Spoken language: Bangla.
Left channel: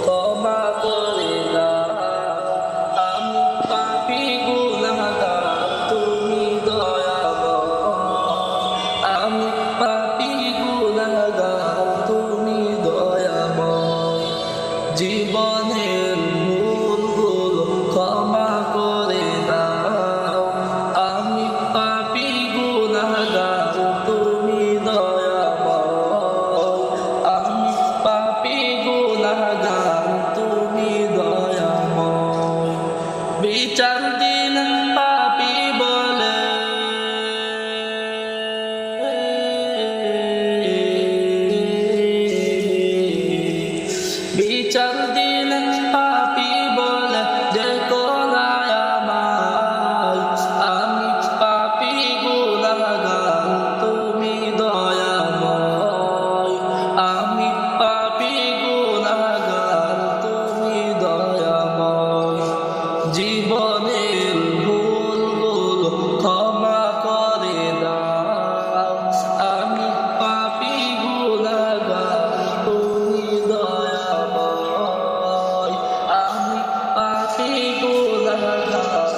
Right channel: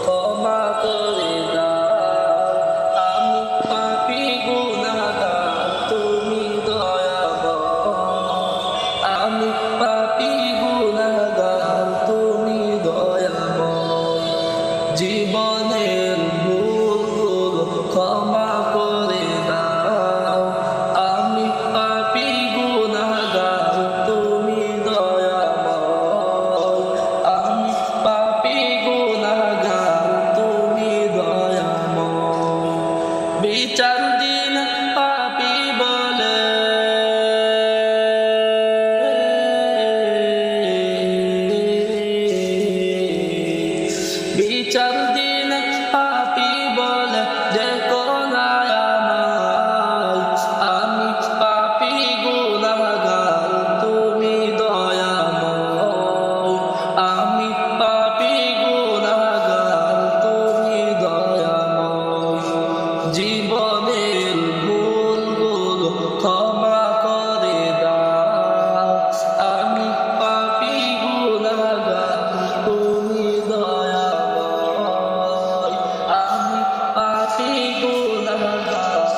ক্ষমা করে দাও, আমি পাপী গুনাহগার, তুমি দয়াময়। আমি পাপী গুনাহগার, তুমি দয়াময়। জীবনের ভুলগুলো ক্ষমা করে দাও, আমি পাপী গুনাহগার, তুমি দয়াময়। আমি পাপী গুনাহগার, তুমি দয়াময়। বিচার দিন পাপী বলে বিচার দিন পাপী বলে যে কোনায় আমায়। আমি পাপী গুনাহগার, তুমি দয়াময়। আমি পাপী গুনাহগার, তুমি দয়াময়। জীবনের ভুলগুলো ক্ষমা করে দাও, আমি পাপী গুনাহগার, তুমি দয়াময়। আমি পাপী গুনাহগার।